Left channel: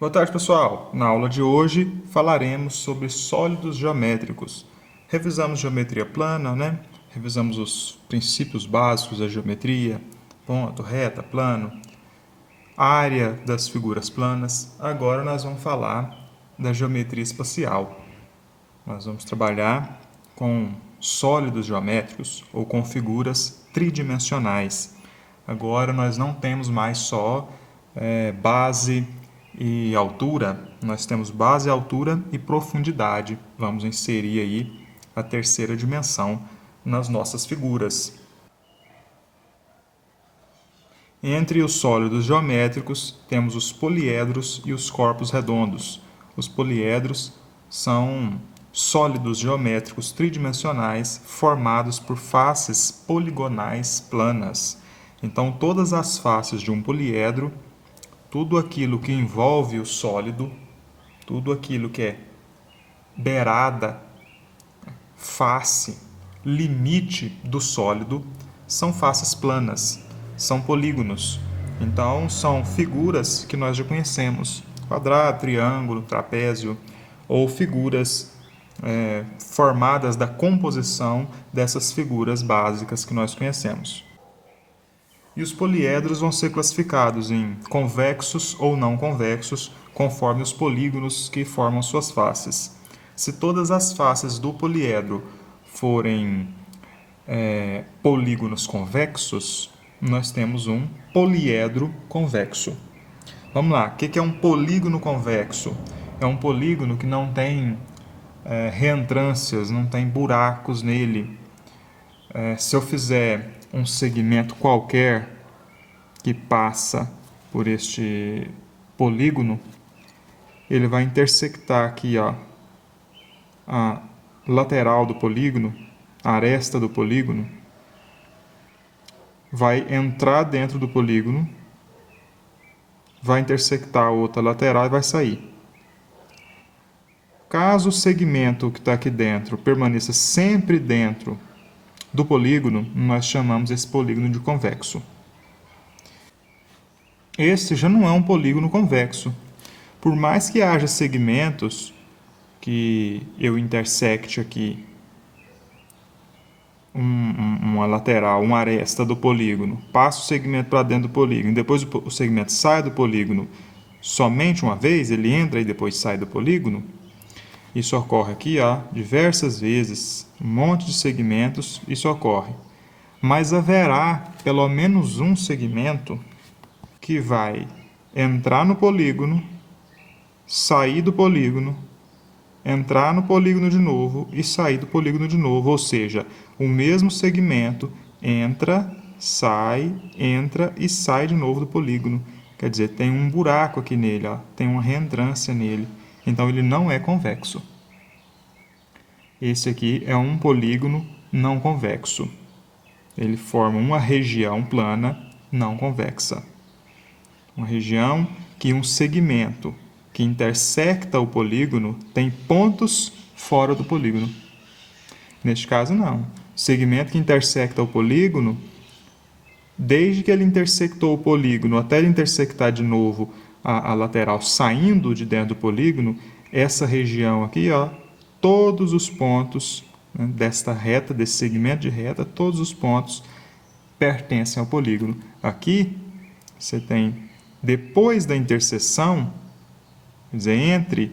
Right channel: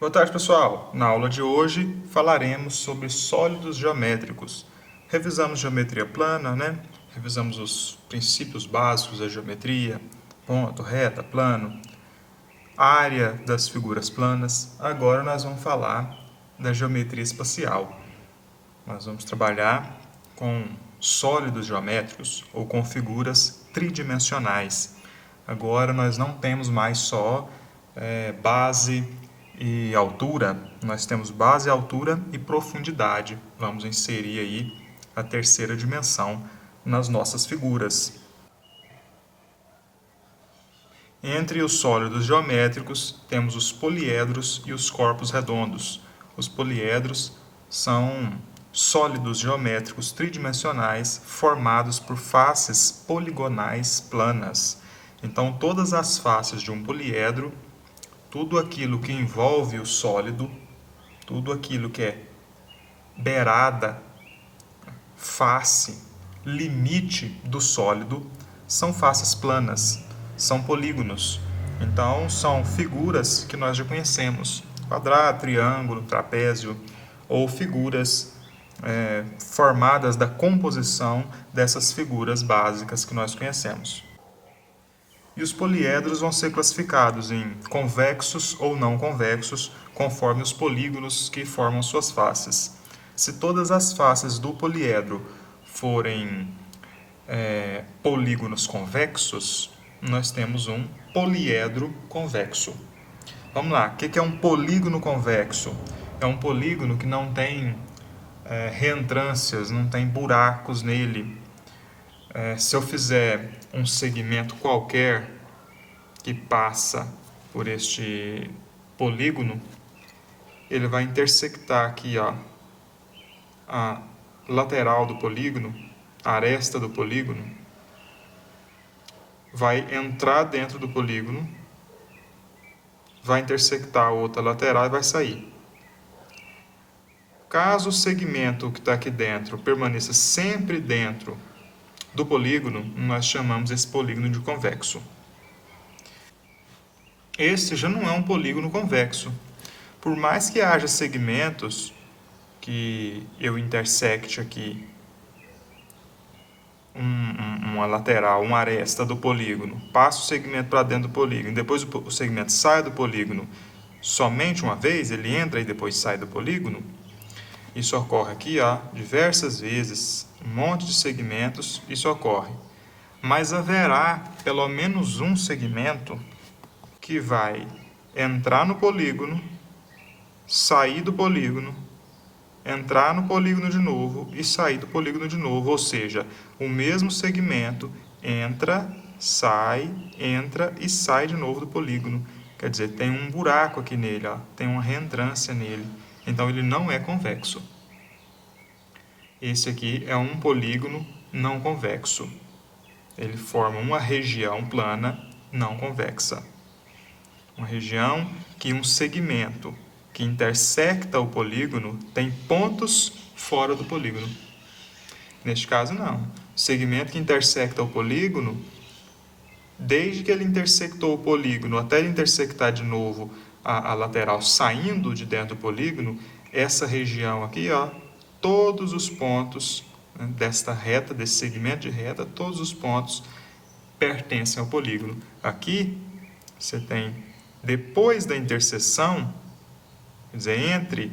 Boa tarde, pessoal. Na aula de hoje falaremos sobre sólidos geométricos. Revisamos geometria plana, né? Revisamos os princípios básicos da geometria, ponto, reta, plano, área das figuras planas. Agora nós vamos falar da geometria espacial. Nós vamos trabalhar com sólidos geométricos ou com figuras tridimensionais. Agora nós não temos mais só base e altura, nós temos base, altura e profundidade. Vamos inserir aí a terceira dimensão nas nossas figuras. Entre os sólidos geométricos, temos os poliedros e os corpos redondos. Os poliedros são sólidos geométricos tridimensionais formados por faces poligonais planas. Então, todas as faces de um poliedro, tudo aquilo que envolve o sólido, tudo aquilo que é beirada, face, limite do sólido, são faces planas, são polígonos. Então, são figuras que nós já conhecemos: quadrado, triângulo, trapézio, ou figuras formadas da composição dessas figuras básicas que nós conhecemos. E os poliedros vão ser classificados em convexos ou não convexos, conforme os polígonos que formam suas faces. Se todas as faces do poliedro forem polígonos convexos, nós temos um poliedro convexo. Vamos lá, o que é um polígono convexo? É um polígono que não tem reentrâncias, não tem buracos nele. Se eu fizer um segmento qualquer que passa por este polígono, ele vai intersectar aqui, ó, a lateral do polígono, a aresta do polígono, vai entrar dentro do polígono, vai intersectar a outra lateral e vai sair. Caso o segmento que está aqui dentro permaneça sempre dentro do polígono, nós chamamos esse polígono de convexo. Este já não é um polígono convexo. Por mais que haja segmentos que eu intersecte aqui uma lateral, uma aresta do polígono, passo o segmento para dentro do polígono, depois o segmento sai do polígono somente uma vez, ele entra e depois sai do polígono. Isso ocorre aqui, ó, diversas vezes, um monte de segmentos, isso ocorre. Mas haverá pelo menos um segmento que vai entrar no polígono, sair do polígono, entrar no polígono de novo e sair do polígono de novo, ou seja, o mesmo segmento entra e sai de novo do polígono. Quer dizer, tem um buraco aqui nele, ó, tem uma reentrância nele. Então, ele não é convexo. Esse aqui é um polígono não convexo. Ele forma uma região plana não convexa. Uma região que um segmento que intersecta o polígono tem pontos fora do polígono. Neste caso, não. O segmento que intersecta o polígono, desde que ele intersectou o polígono até ele intersectar de novo a lateral saindo de dentro do polígono, essa região aqui, ó, todos os pontos, né, desta reta, desse segmento de reta, todos os pontos pertencem ao polígono. Aqui, você tem, depois da interseção, quer dizer, entre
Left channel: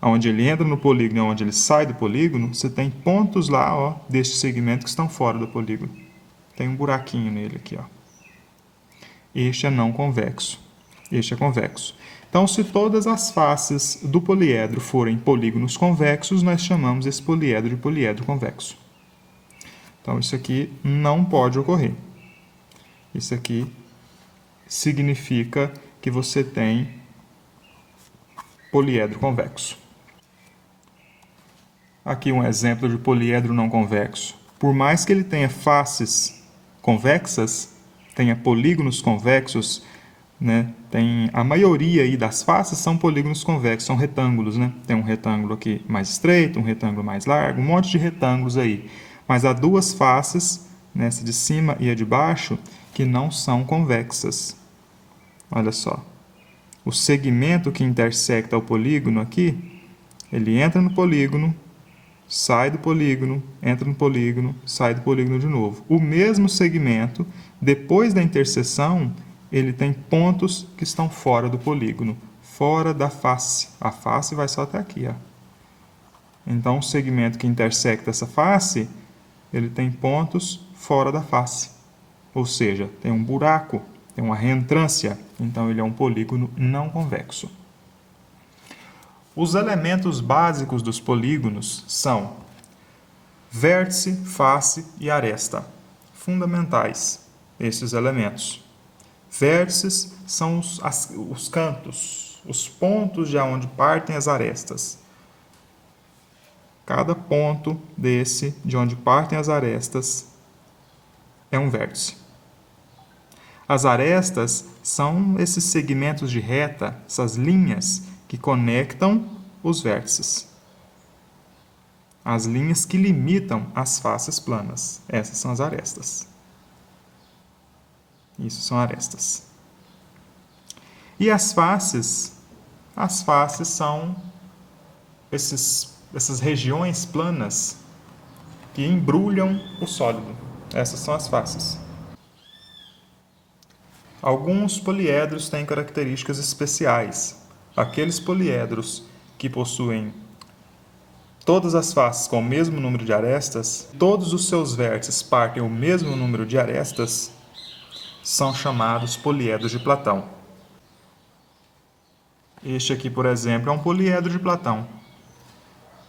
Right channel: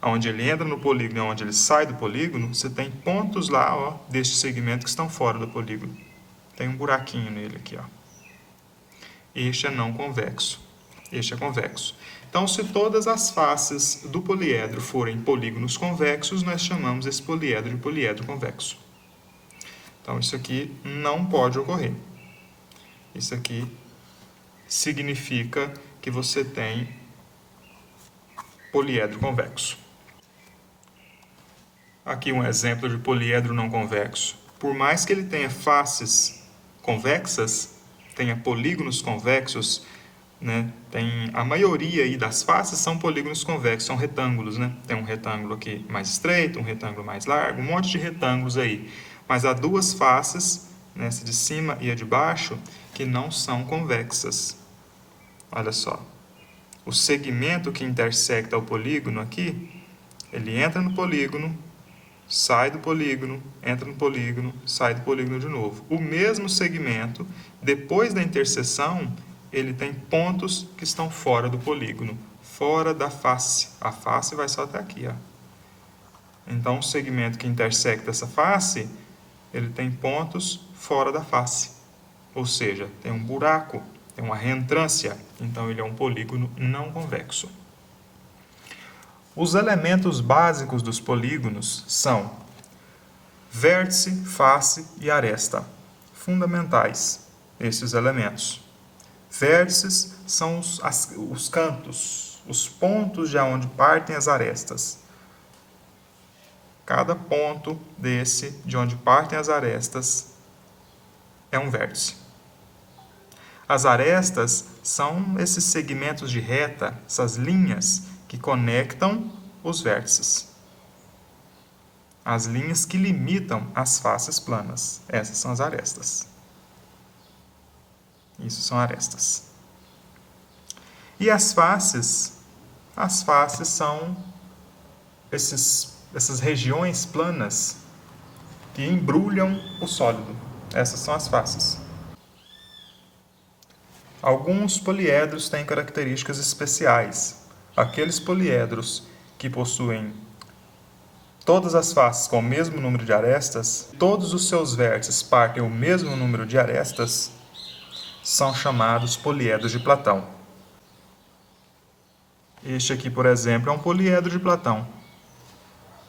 onde ele entra no polígono e onde ele sai do polígono, você tem pontos lá, ó, deste segmento que estão fora do polígono. Tem um buraquinho nele aqui, ó. Este é não convexo. Este é convexo. Então, se todas as faces do poliedro forem polígonos convexos, nós chamamos esse poliedro de poliedro convexo. Então, isso aqui não pode ocorrer. Isso aqui significa que você tem poliedro convexo. Aqui um exemplo de poliedro não convexo. Por mais que ele tenha faces convexas, tenha polígonos convexos, né? Tem a maioria aí das faces são polígonos convexos, são retângulos, né? Tem um retângulo aqui mais estreito, um retângulo mais largo, um monte de retângulos aí. Mas há duas faces, né, essa de cima e a de baixo, que não são convexas. Olha só. o segmento que intersecta o polígono aqui, ele entra no polígono, sai do polígono, entra no polígono, sai do polígono de novo. O mesmo segmento, depois da interseção, ele tem pontos que estão fora do polígono, fora da face. A face vai só até aqui, ó. Então, o segmento que intersecta essa face, ele tem pontos fora da face. Ou seja, tem um buraco, tem uma reentrância. Então, ele é um polígono não convexo. Os elementos básicos dos polígonos são vértice, face e aresta. Fundamentais, esses elementos. Vértices são os cantos, os pontos de onde partem as arestas. Cada ponto desse, de onde partem as arestas, é um vértice. As arestas são esses segmentos de reta, essas linhas que conectam os vértices. As linhas que limitam as faces planas. Essas são as arestas. Isso são arestas. E as faces? As faces são essas regiões planas que embrulham o sólido. Essas são as faces. Alguns poliedros têm características especiais. Aqueles poliedros que possuem todas as faces com o mesmo número de arestas, todos os seus vértices partem o mesmo número de arestas, são chamados poliedros de Platão. Este aqui, por exemplo, é um poliedro de Platão.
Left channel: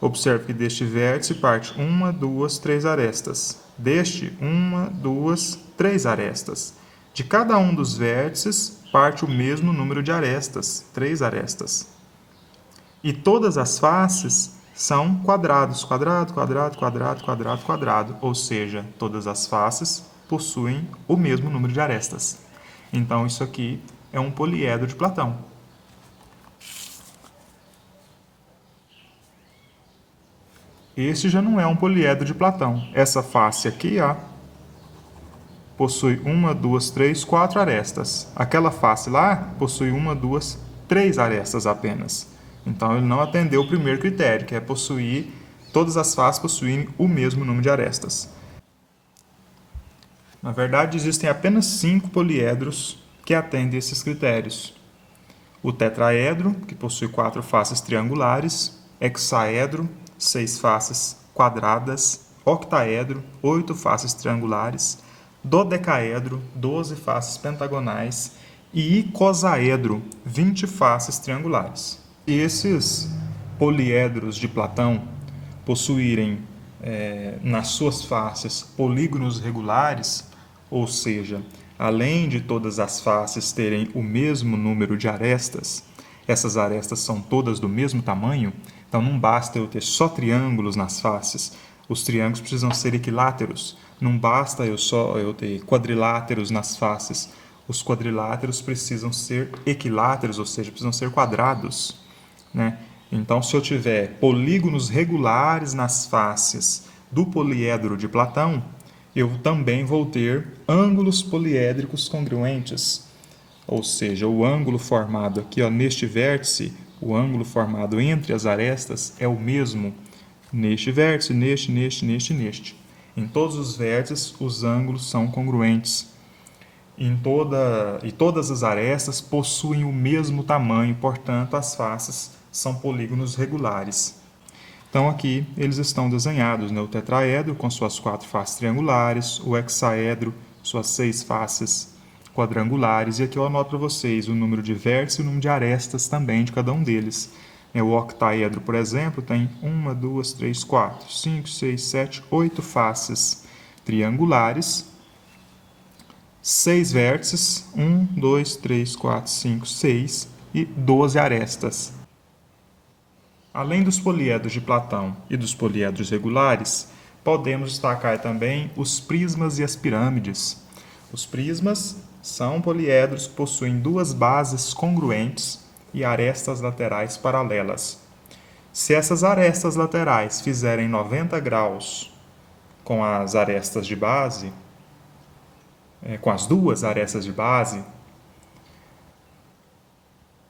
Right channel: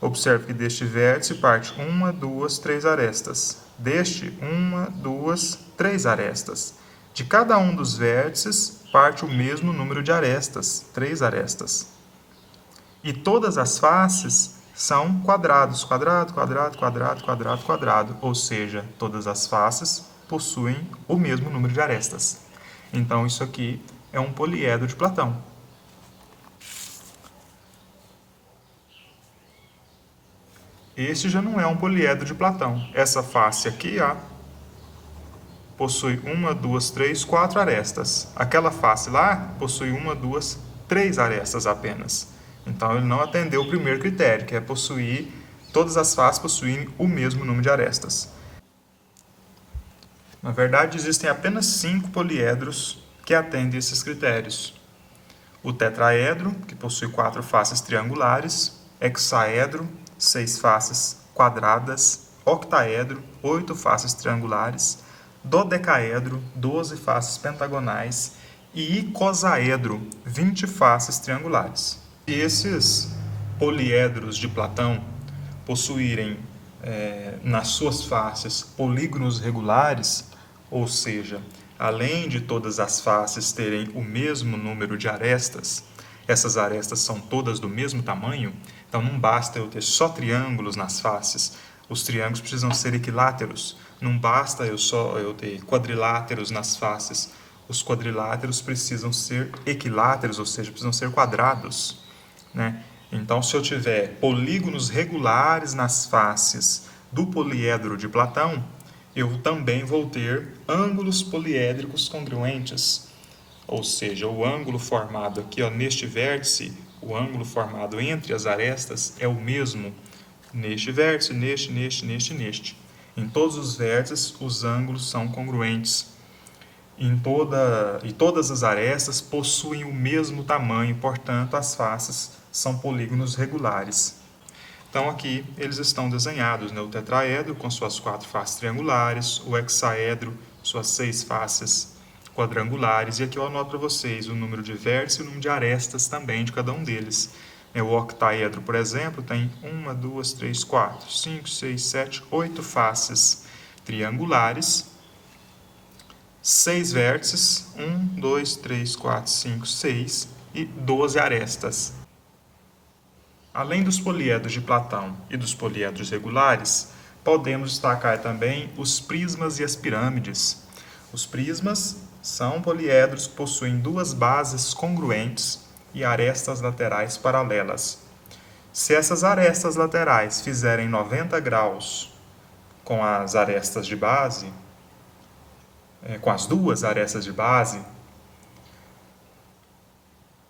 Observe que deste vértice parte 1, 2, 3 arestas. Deste, 1, 2, 3 arestas. De cada um dos vértices parte o mesmo número de arestas, 3 arestas. E todas as faces são quadrados, quadrado, quadrado, quadrado, quadrado, quadrado. Ou seja, todas as faces possuem o mesmo número de arestas. Então, isso aqui é um poliedro de Platão. Este já não é um poliedro de Platão. Essa face aqui, ó, possui 1, 2, 3, 4 arestas. Aquela face lá possui 1, 2, 3 arestas apenas. Então, ele não atendeu o primeiro critério, que é possuir, todas as faces possuem o mesmo número de arestas. Na verdade, existem apenas 5 poliedros que atendem esses critérios. O tetraedro, que possui 4 faces triangulares, hexaedro, 6 faces quadradas, octaedro, 8 faces triangulares, dodecaedro, 12 faces pentagonais e icosaedro, 20 faces triangulares. Esses poliedros de Platão possuírem nas suas faces polígonos regulares, ou seja, além de todas as faces terem o mesmo número de arestas, essas arestas são todas do mesmo tamanho, então não basta eu ter só triângulos nas faces, os triângulos precisam ser equiláteros, não basta eu ter quadriláteros nas faces, os quadriláteros precisam ser equiláteros, ou seja, precisam ser quadrados, né? Então, se eu tiver polígonos regulares nas faces do poliedro de Platão, eu também vou ter ângulos poliédricos congruentes. Ou seja, o ângulo formado aqui, ó, neste vértice, o ângulo formado entre as arestas é o mesmo neste vértice, neste. Em todos os vértices, os ângulos são congruentes. E todas as arestas possuem o mesmo tamanho, portanto, as faces são polígonos regulares. Então, aqui eles estão desenhados, né? O tetraedro com suas 4 faces triangulares, o hexaedro, suas 6 faces quadrangulares, e aqui eu anoto para vocês o número de vértices e o número de arestas também de cada um deles. O octaedro, por exemplo, tem 1, 2, 3, 4, 5, 6, 7, 8 faces triangulares, 6 vértices, 1, 2, 3, 4, 5, 6 e 12 arestas. Além dos poliedros de Platão e dos poliedros regulares, podemos destacar também os prismas e as pirâmides. Os prismas são poliedros que possuem 2 bases congruentes e arestas laterais paralelas. Se essas arestas laterais fizerem 90 graus com as arestas de base, com as 2 arestas de base,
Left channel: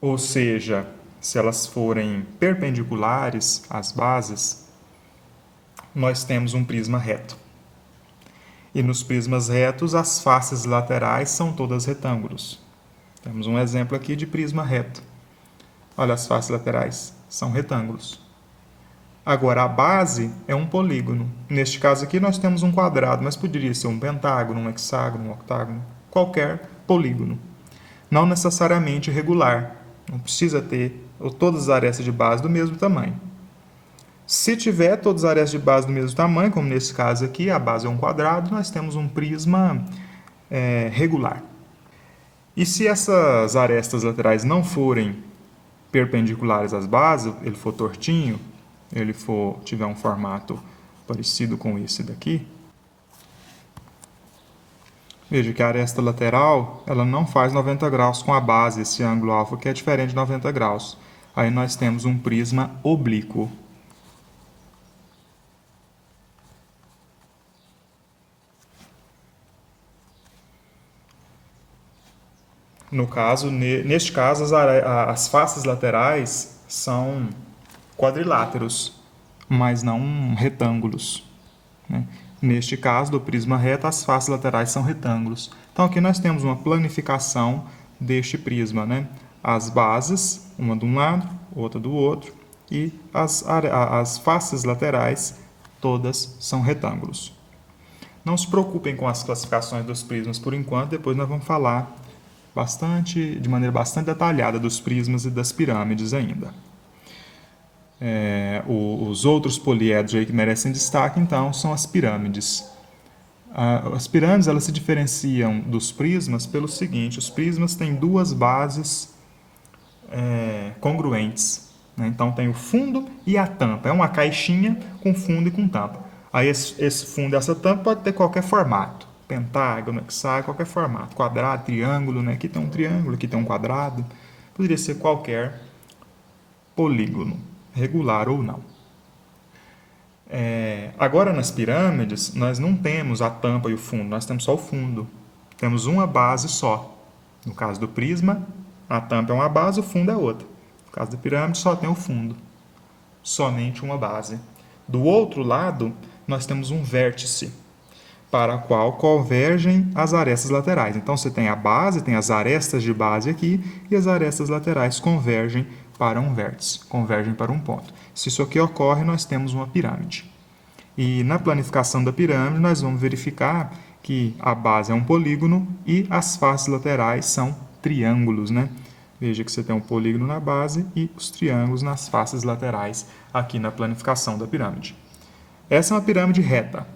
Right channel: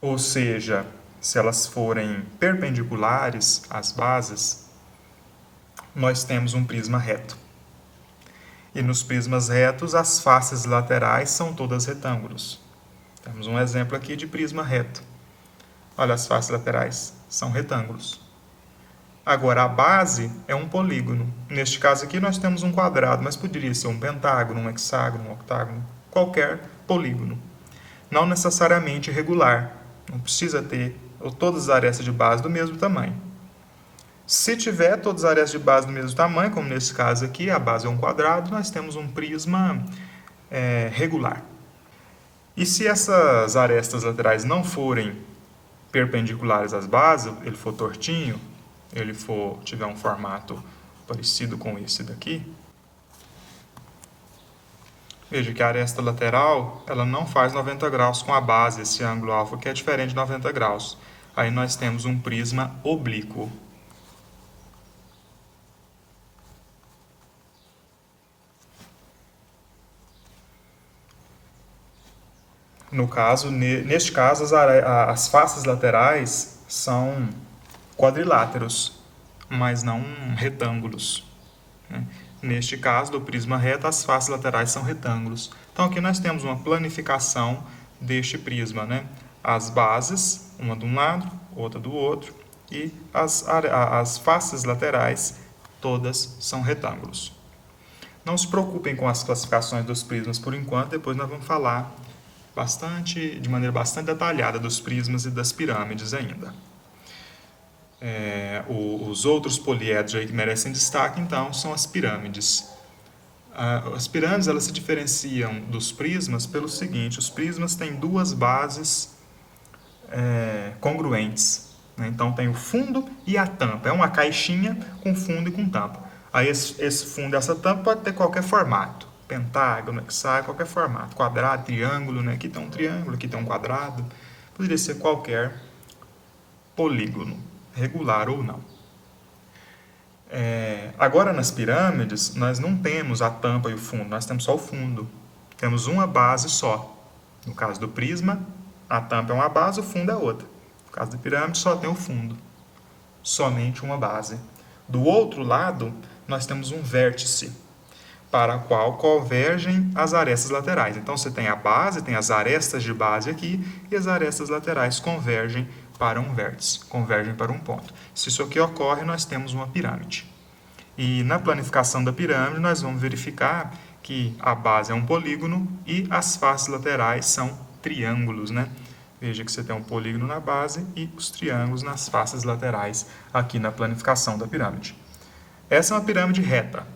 ou seja, se elas forem perpendiculares às bases, nós temos um prisma reto. E nos prismas retos, as faces laterais são todas retângulos. Temos um exemplo aqui de prisma reto. Olha, as faces laterais são retângulos. Agora, a base é um polígono. Neste caso aqui, nós temos um quadrado, mas poderia ser um pentágono, um hexágono, um octágono, qualquer polígono. Não necessariamente regular. Não precisa ter todas as arestas de base do mesmo tamanho. Se tiver todas as arestas de base do mesmo tamanho, como nesse caso aqui, a base é um quadrado, nós temos um prisma regular. E se essas arestas laterais não forem perpendiculares às bases, ele for tortinho, ele tiver um formato parecido com esse daqui, veja que a aresta lateral ela não faz 90 graus com a base, esse ângulo alfa que é diferente de 90 graus. Aí nós temos um prisma oblíquo. No caso, neste caso, as faces laterais são quadriláteros, mas não retângulos, né? Neste caso, do prisma reto, as faces laterais são retângulos. Então, aqui nós temos uma planificação deste prisma, né? As bases, uma de um lado, outra do outro, e as faces laterais, todas são retângulos. Não se preocupem com as classificações dos prismas por enquanto, depois nós vamos falar de maneira bastante detalhada dos prismas e das pirâmides ainda. Os outros poliedros aí que merecem destaque, então, são as pirâmides. As pirâmides elas se diferenciam dos prismas pelo seguinte: os prismas têm duas bases congruentes, né? Então, tem o fundo e a tampa. É uma caixinha com fundo e com tampa. Aí, esse fundo e essa tampa pode ter qualquer formato. Pentágono, hexágono, qualquer formato. Quadrado, triângulo, né? Aqui tem um triângulo, aqui tem um quadrado. Poderia ser qualquer polígono, regular ou não. Agora, nas pirâmides, nós não temos a tampa e o fundo, nós temos só o fundo. Temos uma base só. No caso do prisma, a tampa é uma base, o fundo é outra. No caso da pirâmide, só tem o fundo. Somente uma base. Do outro lado, nós temos um vértice, para o qual convergem as arestas laterais. Então, você tem a base, tem as arestas de base aqui, e as arestas laterais convergem para um vértice, convergem para um ponto. Se isso aqui ocorre, nós temos uma pirâmide. E na planificação da pirâmide, nós vamos verificar que a base é um polígono e as faces laterais são triângulos, né? Veja que você tem um polígono na base e os triângulos nas faces laterais aqui na planificação da pirâmide. Essa é uma pirâmide reta,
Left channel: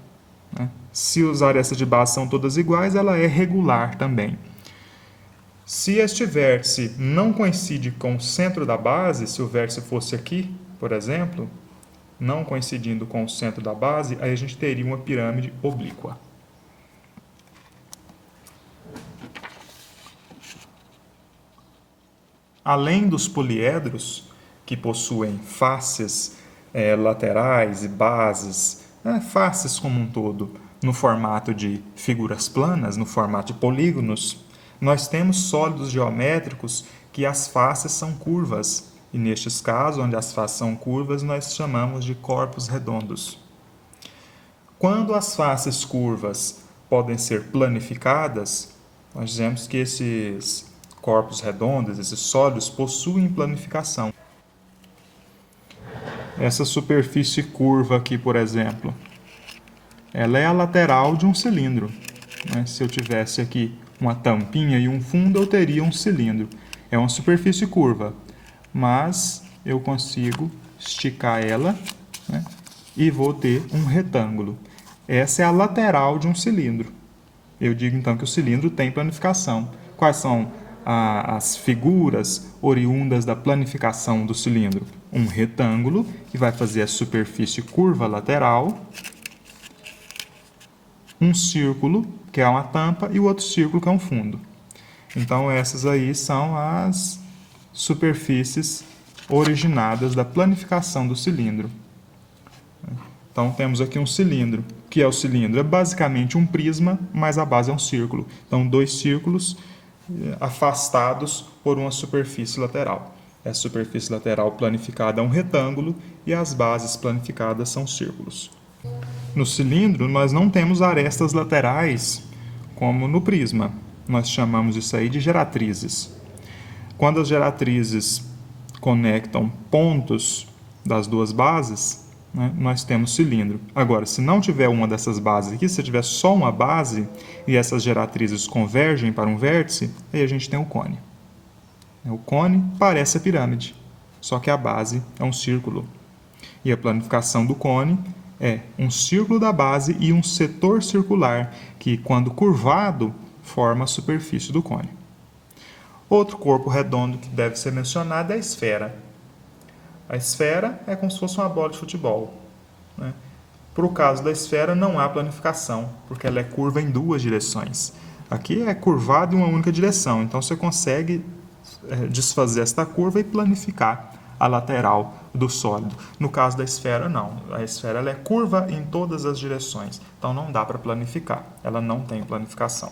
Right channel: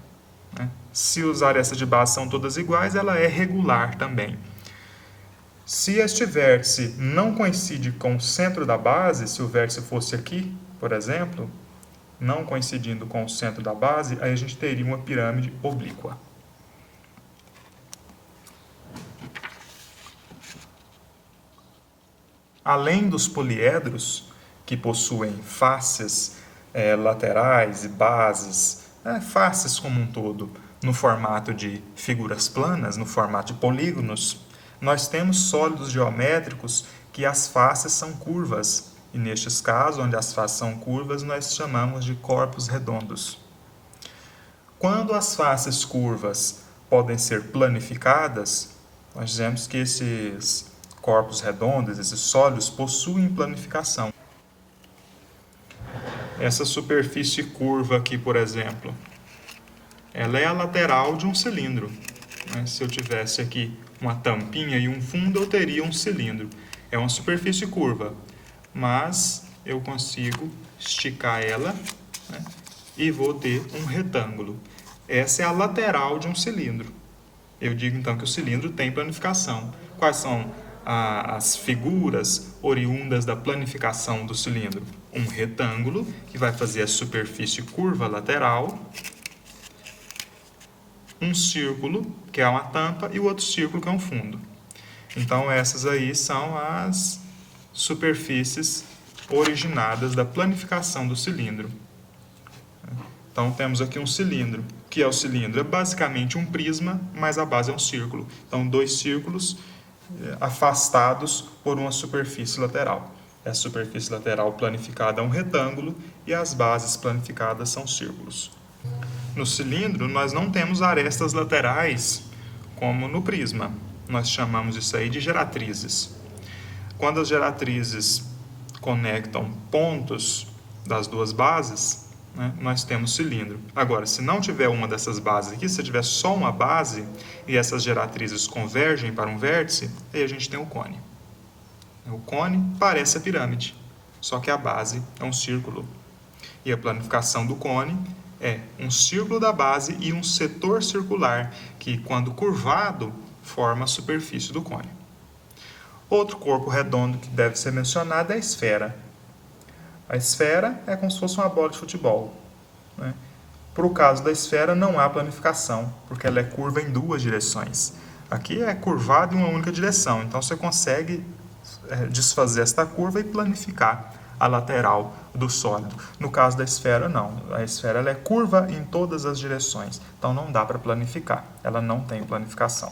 né? Se as arestas de base são todas iguais, ela é regular também. Se este vértice não coincide com o centro da base, se o vértice fosse aqui, por exemplo, não coincidindo com o centro da base, aí a gente teria uma pirâmide oblíqua. Além dos poliedros, que possuem faces laterais e bases, faces como um todo, no formato de figuras planas, no formato de polígonos, nós temos sólidos geométricos que as faces são curvas. E nestes casos, onde as faces são curvas, nós chamamos de corpos redondos. Quando as faces curvas podem ser planificadas, nós dizemos que esses corpos redondos, esses sólidos, possuem planificação. Essa superfície curva aqui, por exemplo, ela é a lateral de um cilindro, né? Se eu tivesse aqui uma tampinha e um fundo, eu teria um cilindro. É uma superfície curva, mas eu consigo esticar ela, né? E vou ter um retângulo. Essa é a lateral de um cilindro. Eu digo então que o cilindro tem planificação. Quais são as figuras oriundas da planificação do cilindro? Um retângulo, que vai fazer a superfície curva lateral, um círculo, que é uma tampa, e o outro círculo, que é um fundo. Então, essas aí são as superfícies originadas da planificação do cilindro. Então, temos aqui um cilindro. O que é o cilindro? É basicamente um prisma, mas a base é um círculo. Então, dois círculos afastados por uma superfície lateral. Essa superfície lateral planificada é um retângulo e as bases planificadas são círculos. No cilindro, nós não temos arestas laterais como no prisma. Nós chamamos isso aí de geratrizes. Quando as geratrizes conectam pontos das duas bases, né, nós temos cilindro. Agora, se não tiver uma dessas bases aqui, se tiver só uma base e essas geratrizes convergem para um vértice, aí a gente tem o cone. O cone parece a pirâmide, só que a base é um círculo. E a planificação do cone é um círculo da base e um setor circular, que, quando curvado, forma a superfície do cone. Outro corpo redondo que deve ser mencionado é a esfera. A esfera é como se fosse uma bola de futebol, né? Para o caso da esfera, não há planificação, porque ela é curva em duas direções. Aqui é curvado em uma única direção, então você consegue desfazer esta curva e planificar a lateral do sólido. No caso da esfera, não. A esfera ela é curva em todas as direções, então não dá para planificar, ela não tem planificação.